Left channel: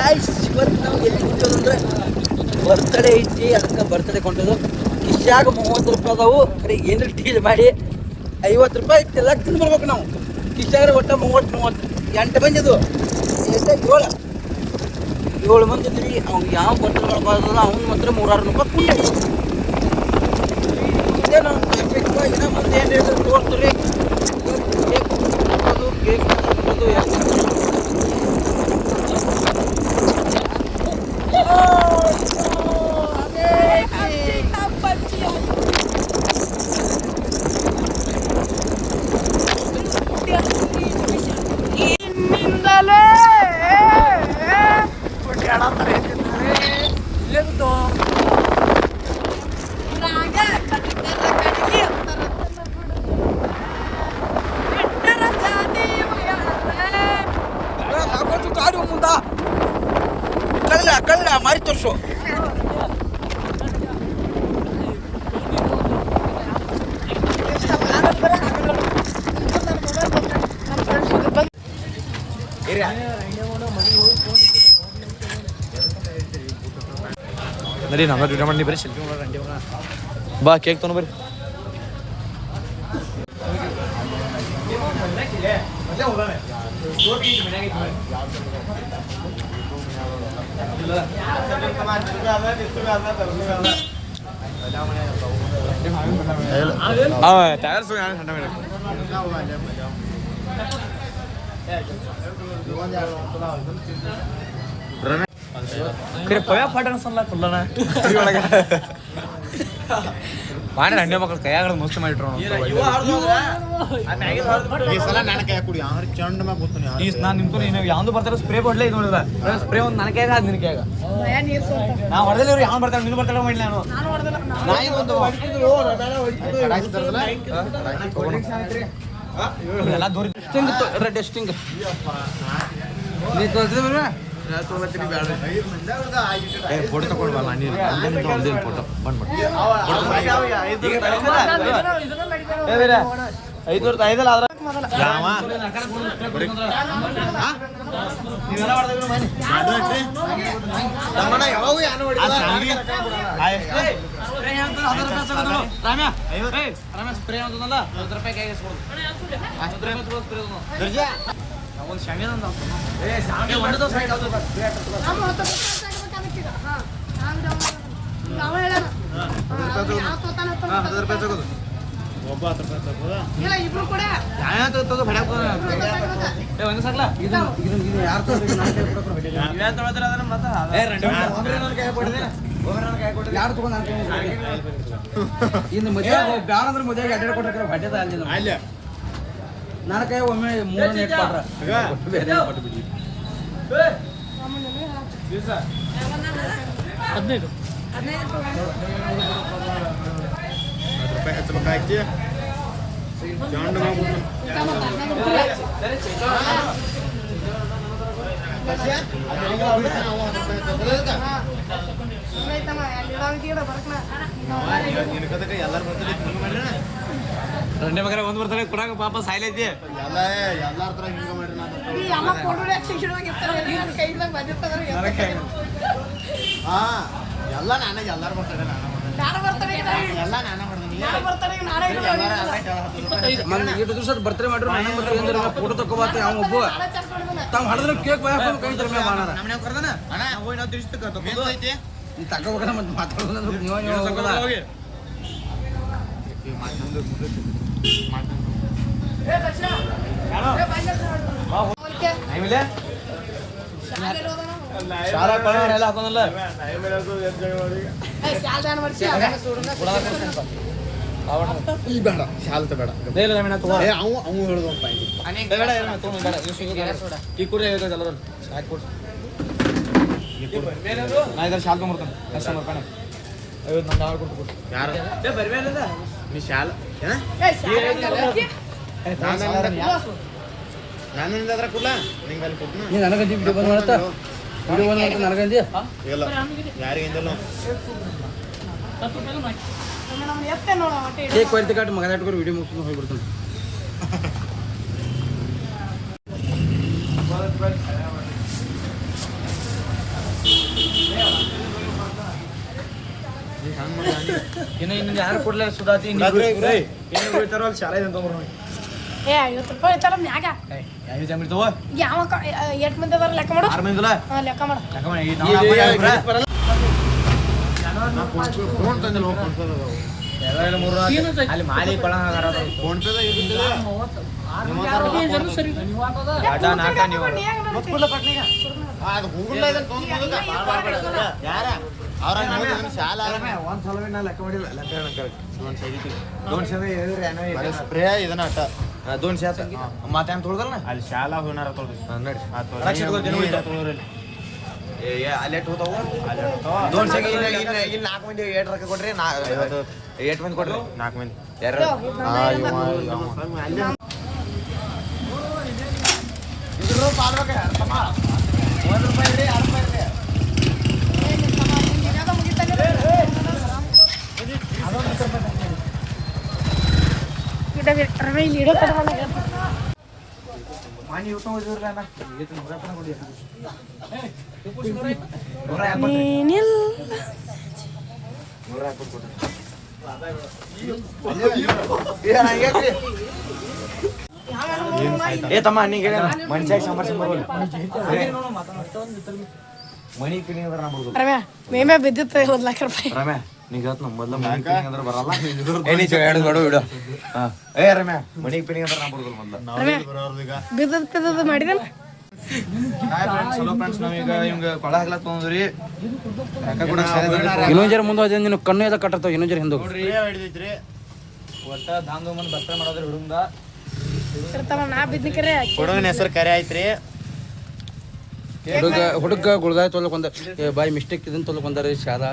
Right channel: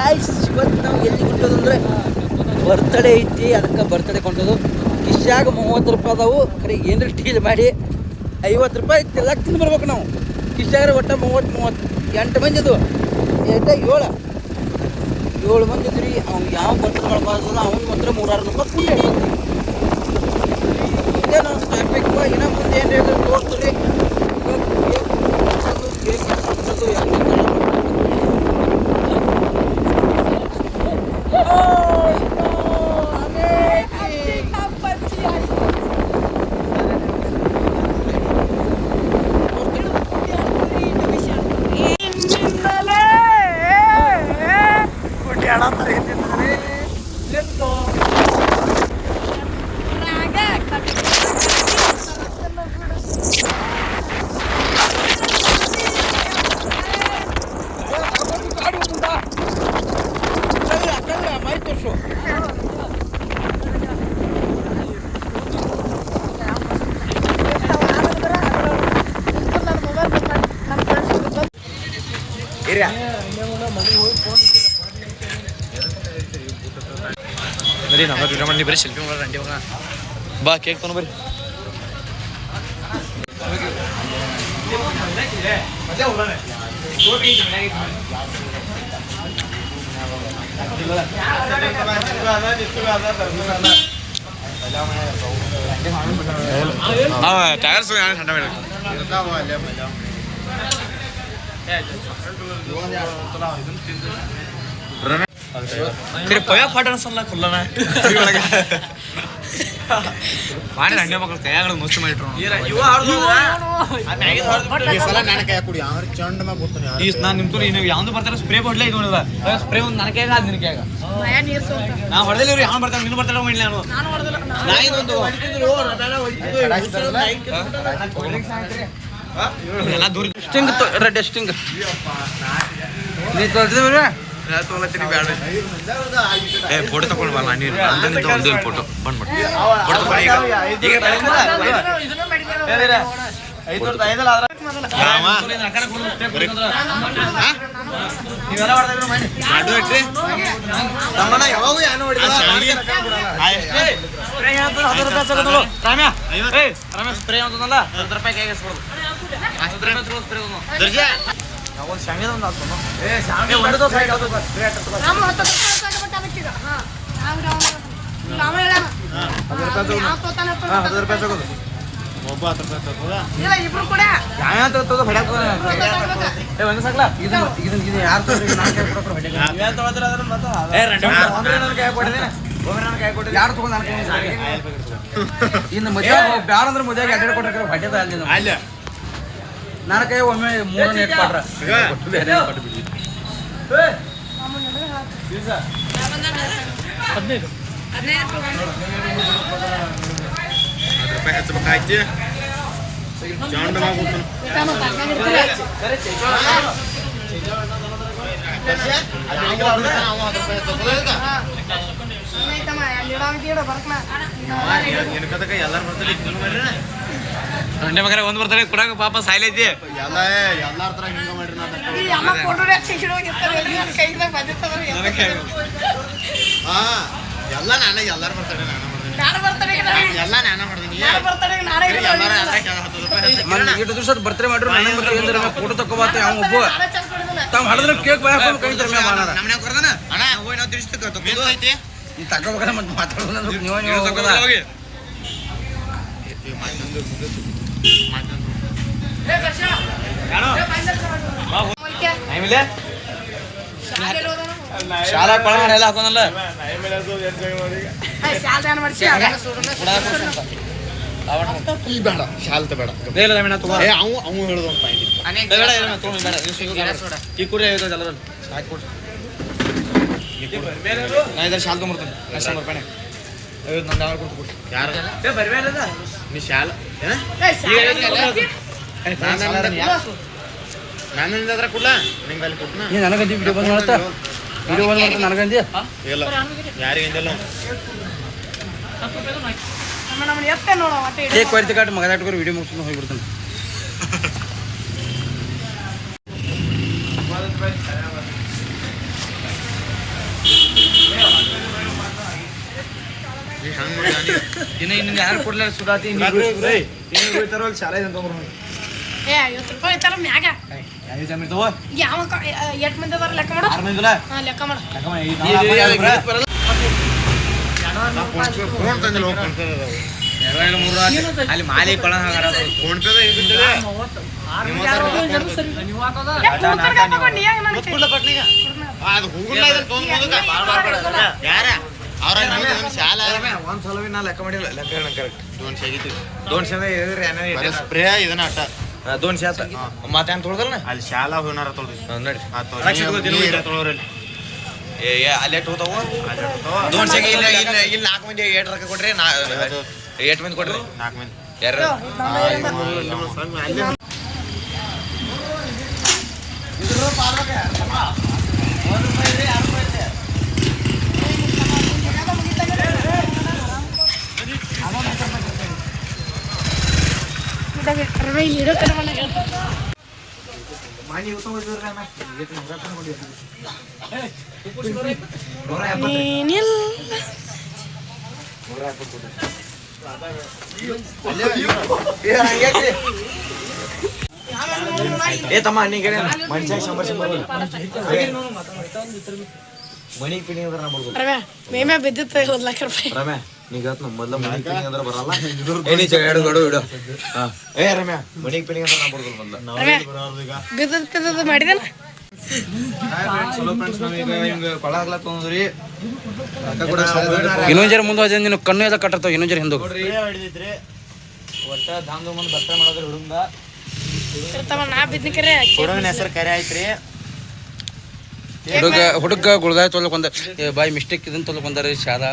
Guys ಇವತ್ತು ನಾವು ಎಲ್ಲಿ ಹೊಂಟೋದಂದ್ರೆ ಬರ್ತಡೇ ಐತಿ, ಅದಕ್ಕೆ ಬರ್ತಡೇ ಕೊಂಟೋದು. ಇಷ್ಟಾಗ 30 ರೂಪಾಯಿ ಅದಾವು, ಖರೆ ಏನಾರು ಡೀಲ್ ಮಾಡಿ 50 ರೂಪಾಯಿ ಎಲ್ಲ ತಿಂದು ಬರ್ಬೇಕು ನಾವು. ಇಷ್ಟಾಗ್ರೆ ಒಟ್ಟು 30 ಮಂದಿ ಅದು ಎಷ್ಟು 7 ಮಂದಿ ಇದ್ರಿ. ಅವ್ನು ಯಾವ ಬರ್ತಡೇ ಮಾಡ್ಬಾರ್ದಲ್ಲ ಅವ್ನು ಮಾತ್ರ 300 ರೂಪಾಯಿ ಪುಣ್ಯ. ಇದೇನು ಏನೋ ಮುಂದೆ ಏನು ಹೇಳ್ತಾರೆ ತೋರಿಸ್ತೀರಿ. ಕೇಕ್ ಮಾರಿ ತೋರಿಸು. ಬರೀ ನಮ್ಮ ವಿಡಿಯೋ ಮಾಡಿ ಬರೀ ಸೆಲ್ಫಿ ಮಾಡೋಣ ಅಂಡಿ ಮಗ. ಬಾ ಕೇಕ್ ತೊಗೊಂಡು ಬರ್ರಿ. ಟೈರ್ಸ್ ठंडा में फिर कोया फाटन सल्ला खुल्लना ಮಾಡಿ ಹಂಡೆ ಮಕ್ಕಳು ಕೈಯಾಗ ಮುಚ್ಚಿ ಮಾಡಿಟ್ರು. ನಾನು ನಿಮ್ಕೊಂಡು ನೀವು ಯಾವ್ದು ಬರ್ತಾರೆ ಸ್ಪ್ರೇ ಕೊಡ್ಲೇ ಇದು ಸ್ಪ್ರೇ ಒಂದು ನನ್ನ ಕೈಯಾಗ ನಿನ್ನ ಕೈಯಾಗ ನಾ ಹೊಡೆದಿಲ್ಲ. ಇವ್ರು ಯಾವ ಬರ್ತಾರೆ ನೀನು ಬರ್ತಾರ ಮಾಡಿ ನಾನು ಇದೊಂದು ಎಲ್ಲ ದೂರ ಸ್ಟಿಂಗ್ ರೆಡ್ ಸ್ಟಿಂಗ್ ನೀ ತೊಳ್ದಿದ್ರಿ ಫೋಟೋ ತಗೊಳ್ಬಲ್ಲ ನೀರು ಅಂದಿಂದ ಒಂದು ಫೋಟೋ ಬಂದ್ಬಿಟ್ಟು ಫೋಟೋ ತಗೊಳ್ಳಿ. ಈಗ ಸ್ಪ್ರೇ ಅಂತಲ್ಲ 10 ರೂಪಾಯಿ ಕೈಗೆ ಇನ್ನು ಮದುವೆ ಬ್ಯಾಡ ಅಂದ್ರೆ ಮದುವೆಗೆ ಅಡ್ಡ ಕೊಟ್ಟಿರ್ತಾರೆ ಬಡ್ಡೆದ ಅಲ್ಲಿ ನನ್ನ ಕೈ ಒಮ್ಮೆ 3 ನೆಟ್ ಕೊಟ್ರ ಬೇರೆ ಕೊಟ್ಟು ಬಿಡಿ. 15 ರೂಪಾಯಿ ಹಚ್ಚಬೇಕಾಯ್ತು. ಜಾಂಡ ಮಾಡ್ಬಿಟ್ಟು ಎಲ್ಲಾರು ಬರ್ತಾರೆ ರಂಡೆ ಮಗರ ಒಂದು ಬರ್ತಾರೆ ಕೊಡಾಕ ಪಾಪ ಸಾಯ್ಲೈತಿ ಎಲ್ಲಾರ ತರ ಹಿಂಗ ಮಾಡ್ರಿ ಎಲ್ಲ ನಾನೇ ಎಲ್ಲಾರು ಬರ್ತಾರೆ ಎಲ್ಲ ನಾನ ಮಾಡ್ತೀನಿ ದಿವಸ ಬರ್ತಾರೆ ಮಾಡ್ರಿ ಫೋಟೋ ತಗೋಬಾತ ಯಾವ ಒಬ್ಬ ತಾವ್ ಹಳದ್ರ ಕೇಕ್ ಹಾಕೊಂಡು ಕೈತಾರೆ ಅಣ್ಣ ಹೋಗಿ ನಾವು ತಿಳಿಸ್ತೈತಿ ನೀ ತಗೋಬೇಕಲ್ಲ ಮತ್ತೆ ಮಾತಾಡೋದು ನೀವು ಹೋಗಲ್ಲ ಶಾಲಾ ಕೊಳ ಎಲ್ಲ ಹಾಕೋದಲ್ಲ ಬೇಡ ಶಾಲ ಬೇಡ ಅವು ಹೇಳುದು ಈ ಕುಡಿ ಎಲ್ಲರ ಸಾಕು ನಾ ಇದ್ರ ಶಾಲ ತೊಗೊಂಬರ್ತೇನೆ ಕಸ್ಟಮರ್ ಪಣೆ ನಂದು ಅವ್ರು ಕೊಟ್ಟು ಯಾರು ನೀ ಶಾಲ ನಾನು ಅದ್ರ ಕೊಡ್ಲಾ ನಿಂಗೆ ಅಲ್ಲಿ ಕೊಟ್ಟನ ನನಗಂದಿ ವಿಡಿಯೋ ಬಂದ್ ಮಾಡ್ತಾ ವಿಡಿಯೋ ಬಂದ್ ಮಾಡ್ತಾ ನನಗಂದಿ ಇಲ್ಲ ಯಾರಿಗಂದಿಲ್ಲ ಕೇಕ್ ಕೊಯ್ತು ಕಾಟು ಮಗ ಇಟ್ಕೊಂಡು ವಿಡಿಯೋ ಮುಗಿಸ್ಕೊಂಡು ಹೋಗ್ಬಿಡ್ತಾನೆ. ಇನ್ನು ಯಾರು ಕೊಡ್ಲಾರ ಸುಧಾತಿ ಶಾಲೆ ಏ 50 ರೂಪಾಯಿ ಐತಾರ ಮ್ಯಾಗ ಯಾವ ಎಷ್ಟು ಮಂದಿ ಅದಾರ ಲೆಕ್ಕ ಮಾಡು 6 ಮಂದಿಲ್ಲ ಲೆಕ್ಕ ಮಾಡು ಅಲ್ಲಿ ಮಾಲಿ ಕೊಳ ಫೋನ್ ಪೇ ಒಂದ್ಸಲ ನಾ ಲೆಕ್ಕ ಮಾಡಿಲ್ಲ ಲೆಕ್ಕ ಕರೆಕ್ಟ್ 200 ಸ್ಪ್ರೇ ಇದನ್ನ ಅಟ್ಟ 200 ಮತ್ತೆ ಅಂತ ತೊಳ್ದಲ್ಲ ಅಲ್ಲಿ ಶಾಲಾ ಹೋನಾರ ತೊಳ್ದು ನೋಡಿ ತೊಳೋರಲ್ಲಿ ಅಲ್ಲೇ ಹೋತಾವು 200 ಇಲ್ಲಿ 4 ಮಂದಿ 8 ರೊಕ್ಕ ಕೊಡ್ರಿ 8 ಮಂದಿ ಕೊಡ್ರಿ 4 ಮಂದಿ ಯಾರು ಇದ್ರ ಪಾಡ್ಬೇಕ 1 ರೂಪಾಯಿ ರೀ 2 ರೂಪಾಯಿ ರೀ ಏ ತಮ್ಮ ನೀಗೆ ಮನುಷ್ಯ 100 ಮನಿ ಪಿಣಿ ಅಂದ್ರೆ ನಾ ಬರ್ಬೋದು ಮೇಮೆ ಬಿದ್ದಿತ್ತು 1 ಲಕ್ಷ ರೂಪಾಯಿ ರಮ್ಯಾ ನೀಗ ಮೊದಲ ಮನಿ ಪಿಣಿ ಅಂದ್ರೆ ಬರಲ್ಲ ಏನಿ ಎರಡು ನೋಡು ಬಿಡು ಏ ರಮ್ಯಾ ಮನಿ ಪಿಣಿ ಅಂದ್ರೆ ನಾ ಬರ್ಬೋದು ಮೊದಲ ಬಿದ್ದದ್ದು ಮಾಡಿದಲ್ಲ ಚಲೋ ಫ್ರೆಂಡ್ಸ್ ನಾವೀಗ ಹಿಂಗ ಕೊಳ ಹಾಕ್ಲಕ್ ತೊಂದ್ರಿ ಇನ್ನೊಂದ್ ಜರ ಮುಂದೆ ಹೋದ ನೀನು ಕಣ್ಣು ಎಲ್ಲ ಕಟ್ಟರ್ತಾವ ಇನ್ನೊಂದ್ ಜರ ಹಿಂದೆ ನೋಡ್ರಿ ಒಟ್ಟ ಧಾಮ್ ಧೂಮ್ ಭರ್ತ ಮಾಡೋದ್ರ ಹುಡುಗ ನಾ ಬಿದ್ದಕರೆ ಹುಡುಗನ ಹೆಸರು ಕರೆ ಆಯ್ತ್ರಿ ಹುಡುಗ ಗುಳ್ದಾಯ ತೊಲಕ್ ಒಂದ ಬಾಯ್ ಮಿಸ್ಟೇಕ್ ಇದನ್ನ ತೊಲಕ್ ಒಂದಾರ ಶಾದಾ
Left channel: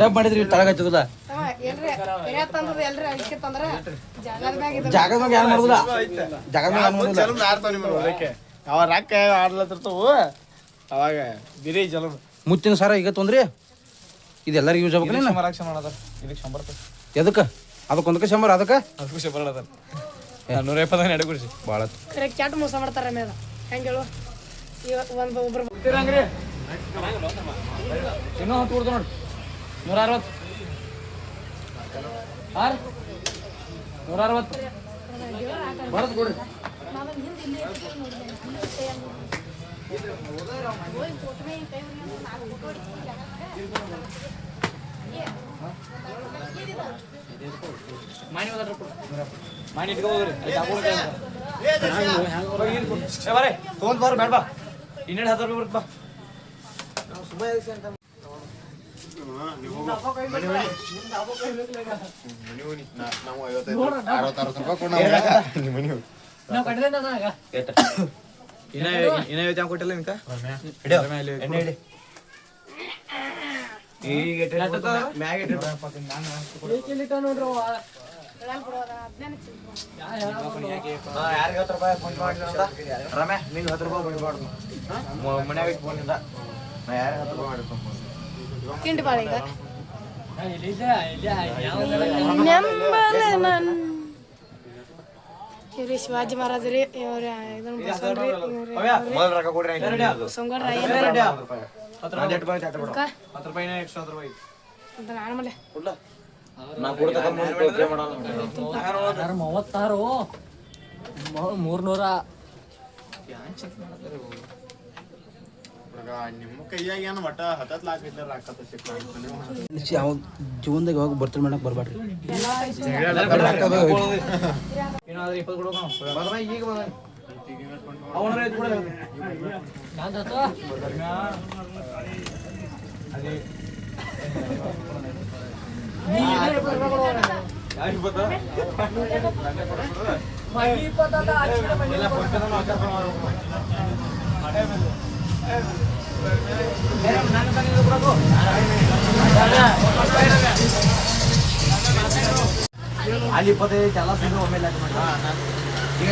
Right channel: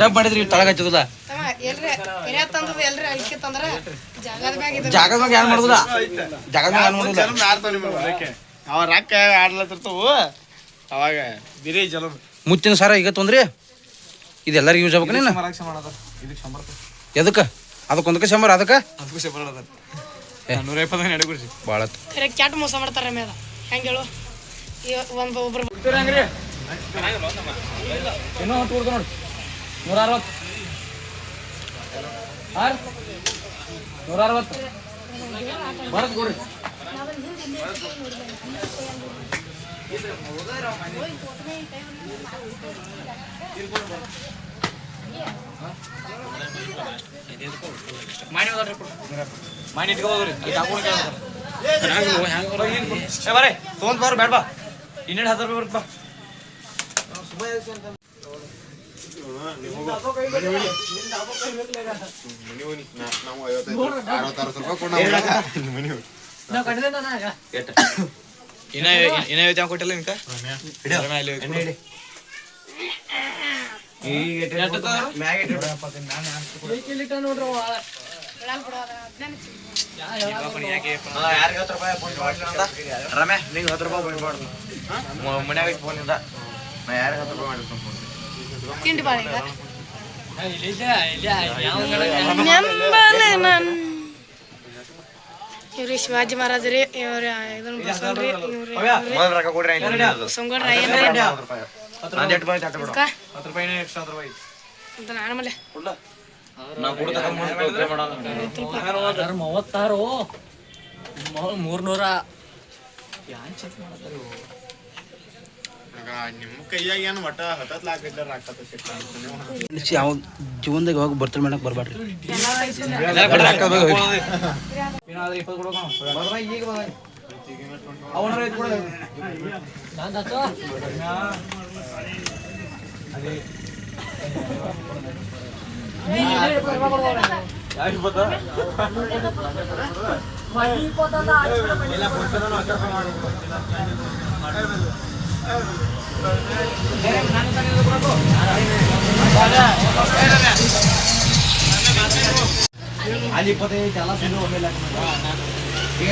ಡಬ್ ಮಾಡಿದ್ರಿ ತಳಗ ಹಚ್ಚದಲ್ಲ ಜಾಗದ ಮ್ಯಾಗ ಏನ್ ಮಾಡುದಿಲ್ಲ ಜಾಗದ ಮ್ಯಾಗ ಏನ್ ಮಾಡುದಿಲ್ಲ ಅವ ರೊಕ್ಕ ಆಡ್ಲತ್ತಿರ್ತಾವು ಅವಾಗ ಬಿರಿ ಜಲ ಮುಚ್ಚಿನ ಸಾರ ಈಗ ತೊಂದ್ರಿ ಇದೆಲ್ಲರಿಗೂ ಯೂಸ್ ಆಗ್ಬೇಕು ನೀನು ಎದಕ್ಕೆ ಅದಕ್ಕೊಂದಕ್ಕೆ 100 ಅದಕ್ಕೆ 120 ಭಾಳ ಕ್ಯಾಟ್ ಮೋಸ ಮಾಡ್ತಾರೆ ಮೇಲೆ ಹೆಂಗೆ ಹೇಳು ಒಬ್ಬರು ಇನ್ನೂ ಹೊತ್ತು ಕೊಡ್ತು ನೋಡಿ 160 160 ಬರತ್ ಕೊಡ್ರಿ ಮಾಡಿ ಇಟ್ಕೋದ್ರಿ ಬರೇ ತೊಗೊಂಡ್ ಬಾರ ಬೇಡ ಬಾ ಇನ್ನೆರಡು 10 ರೂಪಾಯಿ ಬರುತ್ತೆ ಬಾ ಕೊಟ್ಟಿಲ್ಲ ನಿಮ್ಕ ರಮ್ಯಾ ನೀನು 10 ರೂಪಾಯಿ ಬಂದ್ಬಾರ್ದು ಮನ್ಯಾಗ ಫೋನಿಂದ ನಾ ಯಾರಿಗೆ 10 ರೂಪಾಯಿ ಮಾಡಿರ್ತೀನಿ ತಿಂಡಿ ಬಾಳ ಇವ್ರಿ ಶಿವಾಜಿ ಮಹಾರಾಜರಿ ಇವ್ರ ಇದನ್ನ ಬಸವಣ್ರಿ ಮೊದಲು ರೊಕ್ಕ ಕೊಡ್ರಿ ಸಂಗೊಳ್ಳ ರಾಯಣ್ರಿ ನಾನು 8 ರೂಪಾಯಿ 10 ರೂಪಾಯಿ ಎಕ್ಸ್ಟ್ರಾ ರೂಪಾಯಿ ನಾನು ಮಲೆ ನಾವು ಕೊಡ್ತಕ್ಕ 300 ಮಾಡಲ್ಲ 300 ನಿಮ್ಮ ಕೈಯಾಗ ಏನು ಒಟ್ಟ 10 ಲಾಖ ಇದ್ದ ಯಾವ ಜೀವನದಾಗ ಯಾವಾಗ ಬರ್ತಡೆ ಮಾಡಕ್ ಬರ್ಬೇಡ್ರಿ ಏನಾದ್ರೂ 20 ಕೊಡೋಣ ಈಗ ಅಲ್ಲಿ 25 ಎಲ್ಲ ಸೇರಿ ಒಮ್ಮೆಲೆ ಹಾಕಿ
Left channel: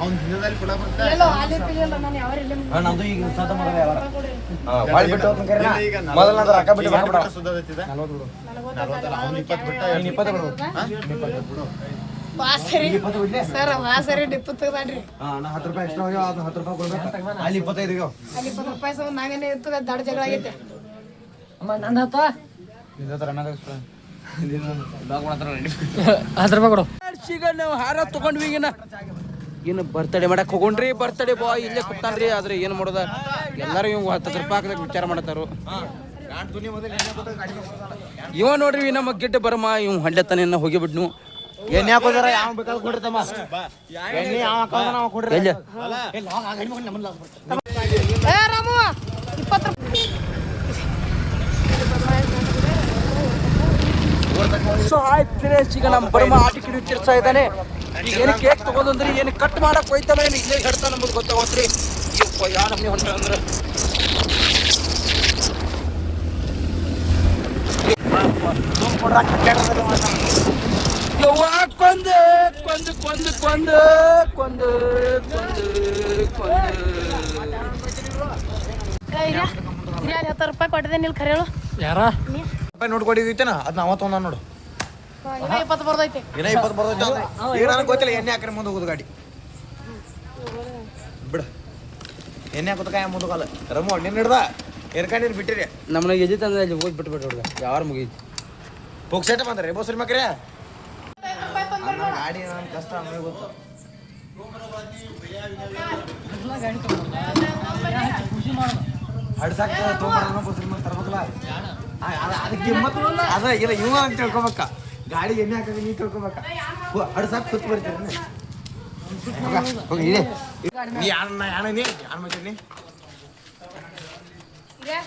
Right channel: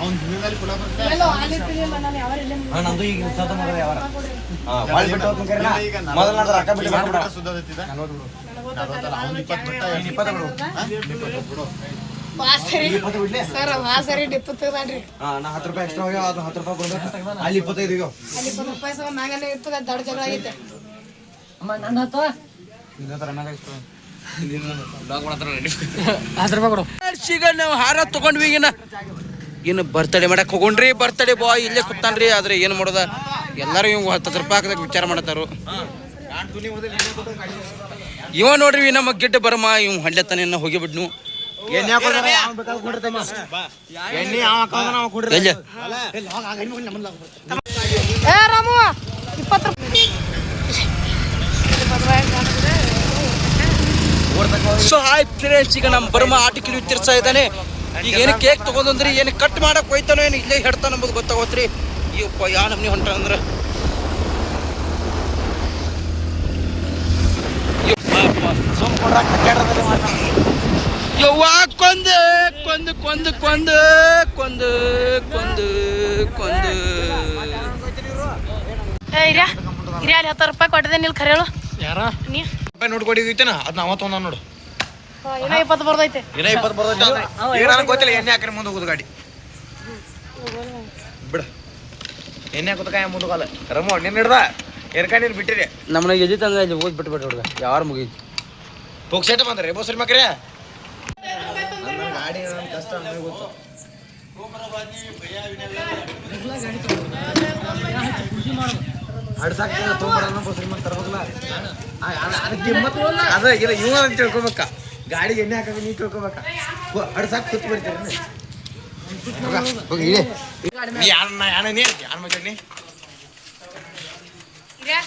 ಅವ್ನ ದಿನದಲ್ಲಿ ಪುಡ ಬರ್ತಾ ಎಲ್ಲೋ ಅಲ್ಲಿ ತಿಳಿಯಲ್ಲ ನಾನು ಯಾವ ಇಲ್ಲೇ ನಂದು ಈಗ ಸತ ಮಗದ ಯಾವಾರ ಬಾಳ್ ಬಿಟ್ಟು ಹೋಗ್ತೀನಿ ಕರೆನ ಮೊದಲ ನಂತರ ಅಕ್ಕ ಬಿಟ್ಟು ಬಂದ್ಬಿಡ ಸುದ್ದತ್ತಿದ ನನಗೆ ಗೊತ್ತಾಗಲ್ಲ ಅವ್ನು 20 ಬರ್ತಾ 20 ಬಿಡು ವಾಸರಿ ಸರ್ ವಾಸರಿ ಡಿಪ್ಪು ತಗೊಂಡ್ರಿ ನಾ 10 ರೂಪಾಯಿ ಎಕ್ಸ್ಟ್ರಾ ಹೋಗ್ಯಾವ ಅದು 10 ರೂಪಾಯಿ ಕೊಡ್ಬೇಕು ಅಲ್ಲಿ 25 ಹೋಗ್ಯಾವ ಅಲ್ಲಿ 20 ರೂಪಾಯಿ ಸಹ ಮ್ಯಾಗನೇ ಇರ್ತದೆ ದೊಡ್ಡ ಜಗಳ ಆಗೈತೆ ಈಗ ನಾವು ಹಾರ ತಗೊಂಡ್ವಿ ಇನ್ನು ಬರ್ತಡೇ ಮಾಡಕ್ ಹೋಗೋಣ್ರಿ ಬರ್ತಡೇ ಬಾಯ್ ಇಲ್ಲೇ ಕೂತಾನ್ರಿ ಆದ್ರೆ ಏನು ಮಾಡೋದ ಎಲ್ಲರೂ ಇವ್ 10 ರೂಪಾಯಿ ಹಾಕದಾಗ ವಿಚಾರ ಮಾಡತ್ತಾರು ಇವ ನೋಡ್ರಿ ನಮ್ಮ ಗಿಡ್ಡ ಬರಮ ಇವ್ ಹಳ್ಳೆತನ ಹೋಗಿಬಿಡ್ನು ಎಣ್ಣೆ ಹಾಕೋದಾರ ಯಾವ ಬೇಕಾದ್ರೂ ಕೊಡ್ತಮ್ಮ ಎಣ್ಣೆ ಯಾವ ಹಾಕೋದಾರ ನಾವು ಕೊಡ್ರಿ ಎಲ್ಲಿ ಏ ರಾಮು 20 ರೂಪಾಯಿ ಸೊ ಹಾಯ್ ಫ್ರೆಂಡ್ಸ್ ಈಗ ನಮ್ಮ ಬರ್ಮ ಆಟಿಕೆ ತಿರ್ಸ್ತಾ ಇದ್ದಾನೆ ಈಗ ಏನು ಕೇಕ್ ತಗೊಂಡ್ರಿ ಏನು ಕಟ್ ಮಾಡಕ್ ಹೋಯ್ತಾನೋ ಏನು ಇಲ್ಲೇ ಹೇಳ್ತಾನ ನಮ್ಗೆ ಗೊತ್ತಾಗೋತ್ರಿ ಅಯ್ಯಪ್ಪ ಯಾ ನಮ್ನಿ ಹೊಂಟ ಅಂದ್ರೆ ಯವ್ವ ಕೊಂದು ಕೊಂದು ಕೊಂದು ಕೊಂದು ಕೊಂದು ಕೊಂದು ಕೊಂದು ಏ ಇರ್ಯಾ ಇರ್ಯಾ ಅಲ್ಲಿ 10 ರೂಪಾಯಿ ಕೊಟ್ಟಿದ್ದೆ ನಿಲ್ ಖರೆ ಹೇಳು ಯಾರ ನೀ ನೋಟ್ ಕೊಡಿದೈತೇನ ಅದ್ ನಾವ ತೊಂದ ನೋಡು ಇನ್ನ 20 ಬರ್ದೈತೆ ಇನ್ನ 20 ಬರ್ತೈತೆ ಈಗ ನನಗೆ ಗೊತ್ತಿಲ್ಲ ಎಣ್ಣೆ ಹಾಕ್ರೆ ಮುಂದೆ ಹೋಗುದು ಗಾಡಿ ಬಿಡ ಎಣ್ಣೆ ಹಾಕೋದಕ್ಕ ಮುಂದೆ ಕಾಲ ರಮೋ ನಿನ್ನ ಹಿಡ್ದ ಎರ್ಕ ನೀನು ಬಿಟ್ಟಿರಿ ನಮ್ಮನ್ನ ಎದ್ದಿತ್ತು ಅಂದ್ರೆ ಅಲ್ಲಿ ಓದ್ ಬಿಟ್ಟು ಹುಡುಗ ಯಾರು ಮುಗೀತು ಹೋಗ್ಸೇಟ ಬಂದ್ರಿ ಬೋಸರಿ ಮಕ್ರೆ ಗಾಡಿ ನನ್ನ ಕಷ್ಟ ನಮಗೆ ಗೊತ್ತು ಅಡ್ಸಾಕ ತೊಗೊಂಬರೋಣ ಬೋಸರಿ ಮಕ್ ತರ್ಬೇಕಲ್ಲ ಅದಕ್ಕೆ ಅದ ಇಲ್ಲ ಇವ ಅಂತ ತಿಳ್ಕೊಬೇಕ ಗಾಡಿಗೆ ಎಣ್ಣೆ ಹಾಕಿ ನೀ ತಿಳ್ಕೊಬೇಕ ಅಡ್ಸಾಕ ಕೂತ್ ಬರ್ತೀರಿ ಹೋಗಿ ಇದೆ ನೀ ಯಾರ ನೀ ಯಾರ ಮಾತಾಡಿ ಇರ್ಯಾ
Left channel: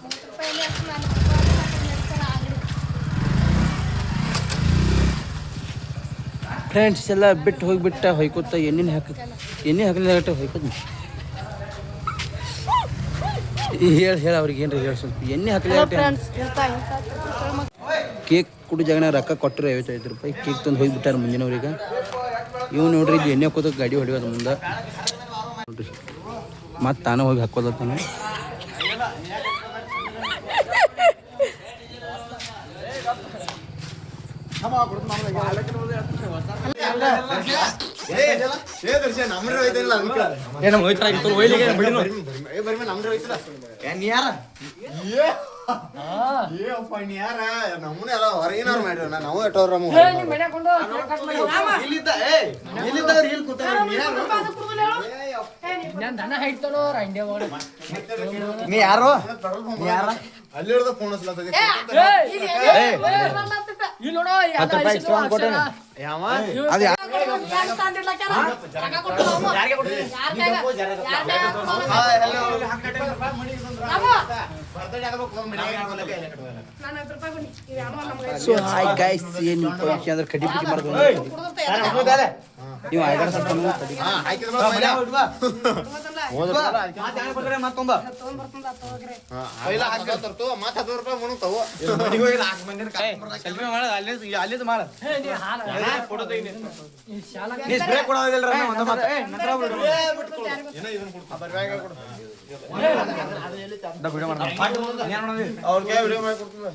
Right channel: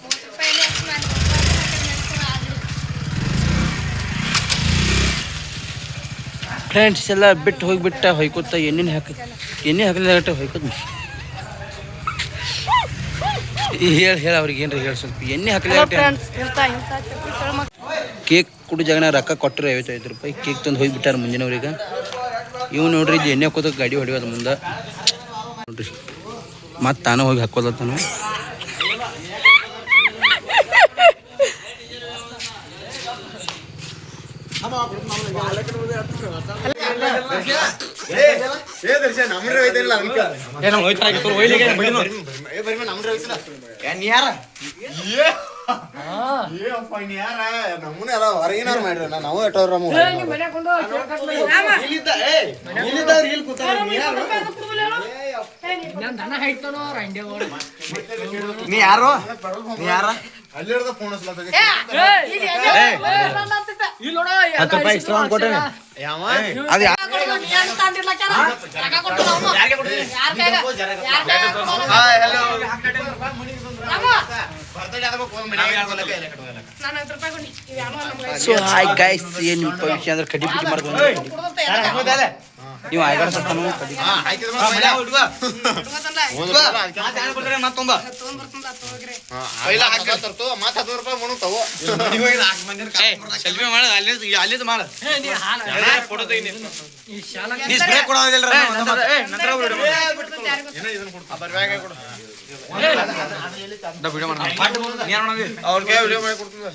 30 ರೂಪಾಯಿ ಎಣ್ಣೆ ಹಾಕಿ ನಾನು ಫ್ರೆಂಡ್ಸ್ ಎಲ್ಲ ಬಿಟ್ಟು ಹೋಗಿಬಿಟ್ಟ ಹೊಯ್ಕೋತ ಎಣ್ಣೆ ಹಾಕಲಿಲ್ಲ ಹೊಯ್ಕೋತ ಹೇಳಿ ಅವ್ರಿಗೆ ಏನ್ರಿ ಹೇಳಿ ಸ್ವಲ್ಪ ಎಣ್ಣೆ ಹಾಕಲಿಲ್ಲ ಫ್ರೆಂಡ್ಸ್ ಹೇಳ್ತಾ ಕೇಕ್ ಕುಡಿ ಜಾಗನ ರೊಕ್ಕ ಕೊಟ್ಟರು 55 ರೂಪಾಯಿ ಕೇಕ್ ತಂದು ಹೋಗಿಬಿಟ್ಟಾರ ಮುಂದಿನವ್ರಿಗೆ ಇವ್ ನೋಡ್ರಿ ಇಲ್ಲಿ ಎಣ್ಣೆ ಹಾಕೋದ ಗಾಡಿ ಹೊಡಿಯೋದು ಮುಂದೆ ನೋಡ್ರಿ ಮತ್ತು ತಾನು ಹೋಗಿ ಹಾಕೋದತ್ತಾನು ನಾವು ಎಟ್ಟವ್ರ ನೀ ಯಾರು ನೀ ಯಾರ ಅಲ್ಲಿ ಹಿಡ್ದ ಫೋನ್ ಹಚ್ಲತ್ತ 10 ರೂಪಾಯಿ ಎಕ್ಸ್ಟ್ರಾ ಕೊಟ್ಟೆ ಯಾವ ಅದು ಹಲೋ ಸೊ ಹಾಯ್ ಗೈಸ್ ಏನು ವಿಷಯ ಅಂದ್ರೆ ಕಡಿ ಪಿಟಿ ಮಾಡ್ಕೊಂಡು ನೀವು ಆಯ್ಗಾಡ ಸತ್ತಾನು ಅಲ್ಲಿದ್ ಮಾಡ ಅವ್ರಿಗೆ ವಿಡಿಯೋ ಮಾಡಿ ಕೊಡ್ತದ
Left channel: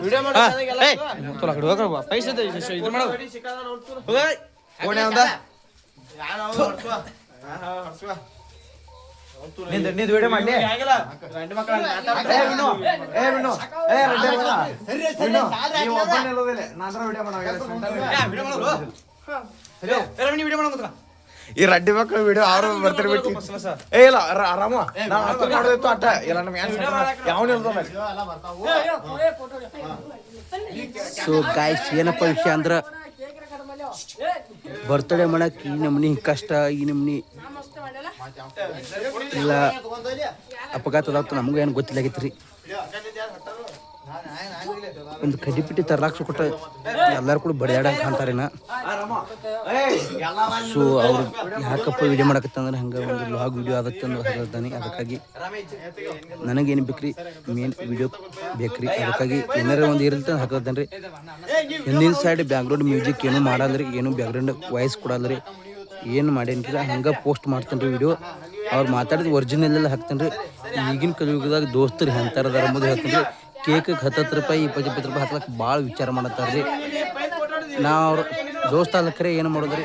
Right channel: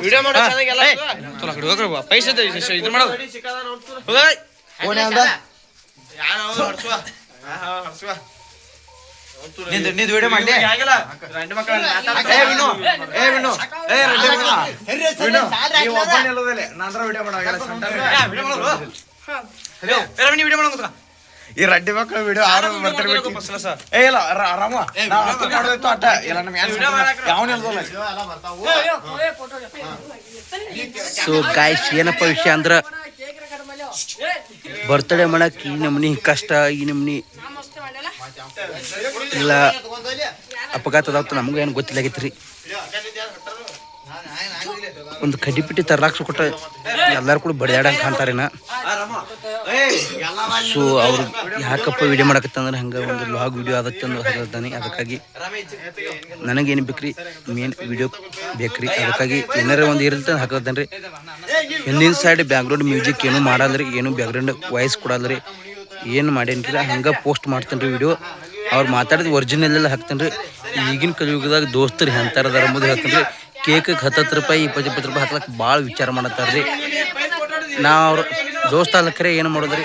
ವಿಡಿಯೋ ಮಾಡೋ ಪೈಸೆ ಇದು ಮಾಡೋದು ನಿಂದು ವಿಡಿಯೋ ಮಾಡಿ ಈ ರಡ್ಡಿ ಮಕ್ಕಳು ವಿಡಿಯೋ ಆರು ಬರ್ತಾರೆ ಏ ಇಲ್ಲ ಆರಾಮ ಮಾಡೋದಿತ್ತು ಅಟ್ಟ ಇಲ್ಲ ನಮ್ ಸೊ ಗಾಯ್ಸ್ ಏನಪ್ಪ ವಿಷಯ ಅಂದ್ರೆ ಬರ್ತಡೇ ಮಾಡಕ್ ಈ ನಮ್ನಿ ಕಷ್ಟ ಈ ನಮ್ನಿ ಇಲ್ಲ ಅಪಘಾತದಾಗ್ತ ನಮಗೂ ಏನು ಗೊತ್ತಿಲ್ಲಾಗೈತ್ರಿ ಒಂದು ಕಡ್ಡಿ ಪಿಟ್ಟಿ ತರ್ಲಾಕ್ಸ ಕೊಟ್ಟ ಎಲ್ಲಾರು ಕೂಡ ಬಡಿದಾಡಂಗೆ ಕಾಣ್ತಾರೇನ ಸೊ ಅವ್ರು ಯಾಕಪ್ಪ ವಿಡಿಯೋ ಮಾಡಕತ್ತಂದ್ರೆ ಹಂಗೆ ಒಂದು ಲಾಗ್ ವಿಡಿಯೋ ಆದತ್ತಂದು ಹೇಳ್ತಾನೆ. ಅದಕ್ಕಾಗಿ ನನಗೇನು ಬೇಕ್ರಿ ಮೇನ್ ವಿಡಿಯೋ ಬೇಕ್ರಿ. ಅದಕ್ಕಾಗಿ ಏನಾರ ಒಂದು ಇರುತ್ತೆ ಹಾಕತ್ತೇನೆ ರೀ. ಹಿಂದಿನ ಸೈಡ್ ಬ್ಯಾಕ್ಗ್ರೌಂಡ್ ಮ್ಯೂಸಿಕ್ ಏನೂ ಮಾಡಲ್ರಿ, ಏನು ಬ್ಯಾಕ್ಗ್ರೌಂಡ್ ವಾಯ್ಸ್ ಕೊಡಲ್ರಿ, ಏನು ಮಾಡೇನ್ರಿ ಹಂಗೆ ಪೋಸ್ಟ್ ಮಾಡ್ತೇನೆ ರೀ ವಿಡಿಯೋ. ಅವ್ರು ಮಾತಾಡಿದ ಒರಿಜಿನಲ್ ಎಲ್ಲ ಹಾಕ್ತೇನೆ ರೀ. ಈಗಿನ ಕಲಿಯುಗದಾಗ ದೋಸ್ತರು ಎಂತಾರದಾರ ಅಂಬುದು ಹೇಳ್ತೇನೆ ರೀ. ಕೇಕ್ 10 ರೂಪಾಯಿ 20 ರೂಪಾಯಿ ಹಾಕ್ಲಕ್ಕೆ ಭಾಳ ವಿಚಾರ ಮಾಡತ್ತಾರ ರೀ. ನಾ ಅವ್ರು ದೋಸ್ತ ಅಲ್ಲಕ್ಕರೆ ಏನು ಮಾಡೋದ್ರಿ,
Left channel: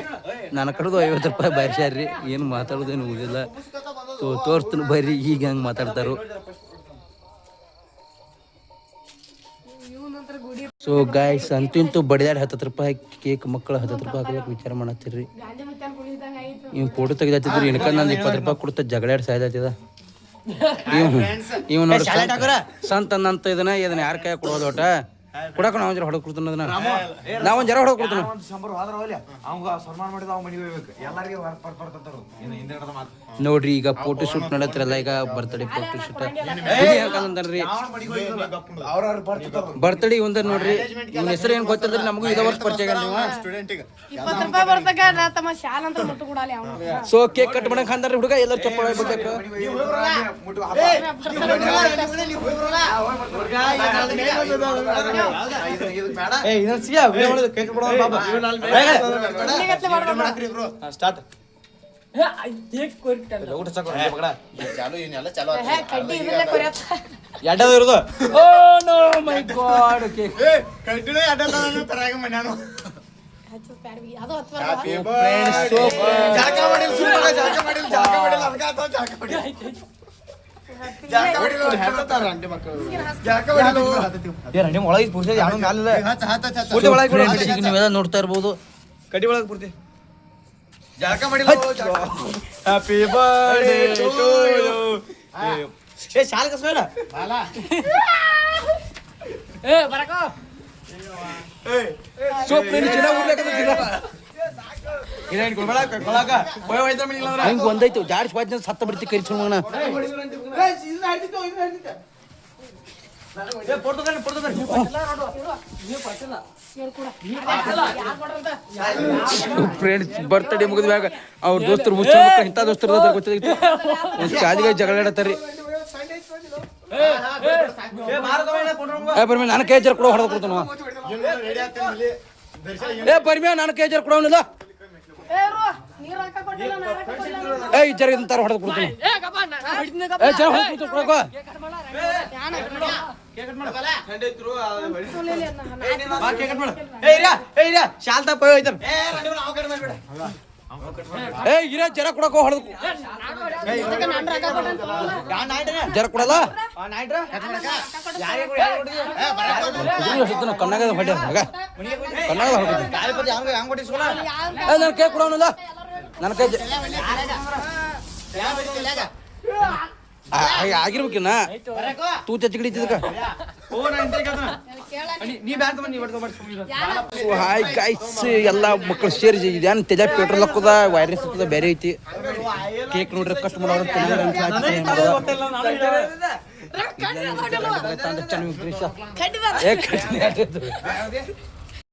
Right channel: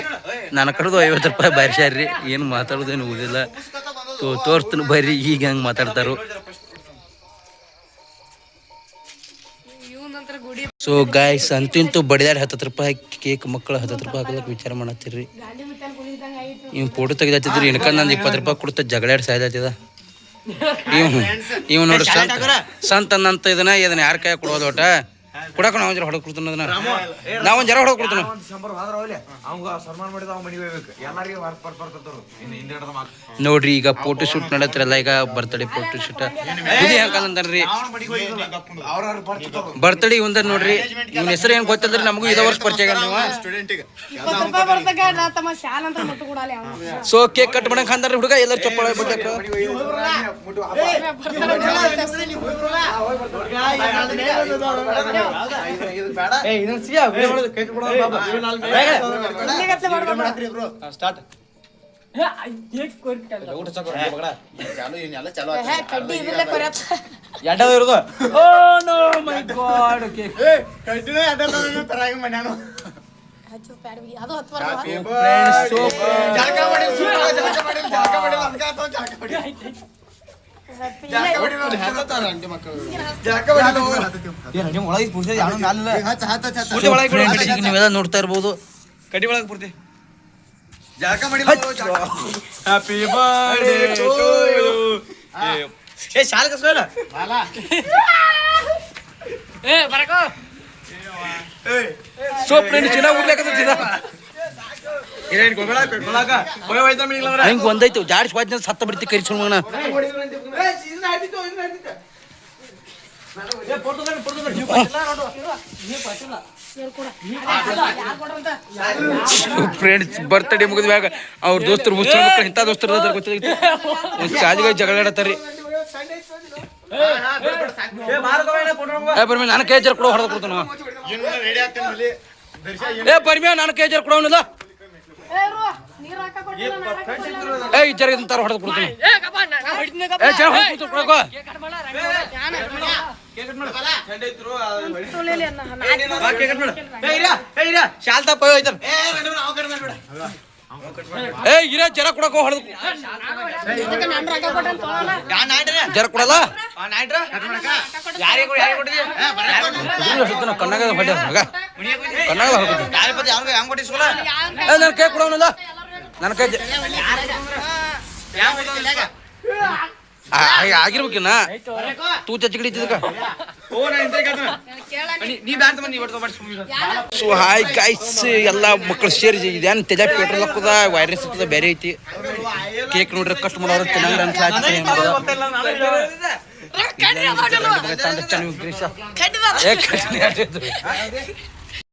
ನನ್ನ ಕಡೆದು 50 ರೂಪಾಯಿ ಬಾರಿಸ್ಯಾರ ರೀ. ಏನು ಮಾತಾಡೋದೇನು ಓದಿಲ್ಲ. ತೋರ್ಸ್ತೀನಿ ಬರ್ರಿ ಈಗ ಹೆಂಗೆ ಮಾತಾಡ್ತಾರೋ. ಸೊ ಗಾಯ್ಸ್ ಅಂತೂ ಬಡಿದಾಡಿ 10 ರೂಪಾಯಿ ಕೇಕ್ ಮಕ್ಕಳು 10 ರೂಪಾಯಿ ಹಾಕ್ಲಕ್ಕೆ ವಿಚಾರ ಮಾಡತ್ತೀರಿ. ಇವ್ ಫೋಟೋ ತೆಗೆದಾತಿದ್ರಿ ಇನ್ಕ ನಂದು 20 ರೂಪಾಯಿ ಕೊಡ್ತಾ ಜಗಳಾಡಿ ಸಾಯ್ದಾತಿದ. ಇವ್ ನೋಡ್ರಿ ಸಂತ ಅನ್ನಂತ ಇದನ್ನ ಯಾರ ಕೈ ಕೊಡೋದು ಒಟ್ಟ ಕೊಡಕ ನಾವು ಜರ ಹೊಡೆದು ಕೊಡ್ತಾನ ಅದನ್ನ ನಾವೊಂದು ಜರ ಹೊಡೆದು ಕೊಡ್ತಾನ. ನೋಡ್ರಿ ಈಗ ಫೋಟೋ ಶೂಟ್ ನಡತ್ರಲ್ಲ, ಈಗ ಬರ್ತಡೇ ಫೋಟೋ ಶೂಟ್ ಯಾಕಂದ್ರಿ ಬರ್ತಡೇ ಒಂದ ನೋಡ್ರಿ. ಇವ್ನ ಹೆಸರು ಏನ್ ಗೊತ್ತಲ್ರಿ, ನಮಗೂ ಇದ ವರ್ಷ ಪರಿಚಯ ಆಗಲ್ಲ ನೀವು. ಸೊ ಕೇಕ್ ಕಟ್ ಮಾಡಕ್ ಅಂದ್ರಿ ಹುಡುಗ ಎಲ್ಲರೂ ಚಪ್ಪಾಳೆ ಬಿಡ್ಬೇಕು. ನೀವೆಲ್ಲ ನೋಡ್ತಾ ಇರ್ಬೋದು. ಕಡಿ ಒಳಗೆ ಪೂರ್ತಿ ಹ್ಯಾಪಿ ಬರ್ಡೇ ಟು ಯು. ಏ ಶಾಲೆ ಕಸ್ಬೇಡ ಸೊ ಫ್ರೆಂಡ್ಸ್ ಚೆನ್ನಾಗಿ ಉಡ್ಲಿಕ್ಕಂತ ಹಿಂಗೆ ಒಂದೈತು ಜಾಡ್ಸ್ ವಾಜ್ನ ಸತ್ತ ಬಿಡ್ತಿ ಕರಿ ಸುಮ್ಮನ. ಫ್ರೆಂಡ್ಸ್ ಬರ್ತಡೇ ಮುಗಿದ ಮ್ಯಾಗ ಅವ್ರ ದೋಸ್ತರು ಮುಚ್ಚ ಮಕ್ಕಳು ಇಂಥ ದೋಸ್ತರು ಅದಾರ ಗೊತ್ತಿತ್ತು. ಒಂದು ಶಾಲೆಗೆ ಜಗಳ ಆಡತ್ತಾರ್ರಿ. ಬರ್ಮಿ ನಾನು ಕೇಜರ್ ಕೊಡೋ ಹೊಡೆದು ಕೊಡ್ತಾನ. ಬರ್ಮಿಯ ನಾನು ಕೇಜರ್ ಕೊಡೋನಿಲ್ಲ. ಜರ ತರ ಹೊಡೆದು ಕೊಡ್ತೀನಿ. ಜರ ಕೊಡಕ ಹೊಡೆದು ಜರ ಕೊಡಲ್ಲ ಕಣ್ಣಾಗ ಕಣ್ಣಾಗ ನನ್ನ ಕೈ ಕೊಡೋನಿಲ್ಲ. ನನ್ನ ಕೈ ಆಗಿರ್ಬೇಕಿನ್ನ ತೂ ಚಚ್ಚಿಡಿದ್ದ. ಸೊ ಹಾಯ್ ಗೈಸ್, ಎಲ್ಲ ಮಕ್ಕಳು ಸೇರಿ ಇದೇನು ತೆಜ ಪೆಟ್ರೋಲ್ ಹಾಕದ ವೈರಸ್ ಇರ್ತದ ಬೇರೆ ಐತಿ. ಕೇಕ್ ನೋಡ್ರಿ ಕಷ್ಟ ಮಾಡೋರು ಚೆನ್ನಾಗಿ ಅನ್ಸ್ಲಾಗ್ತದೆ.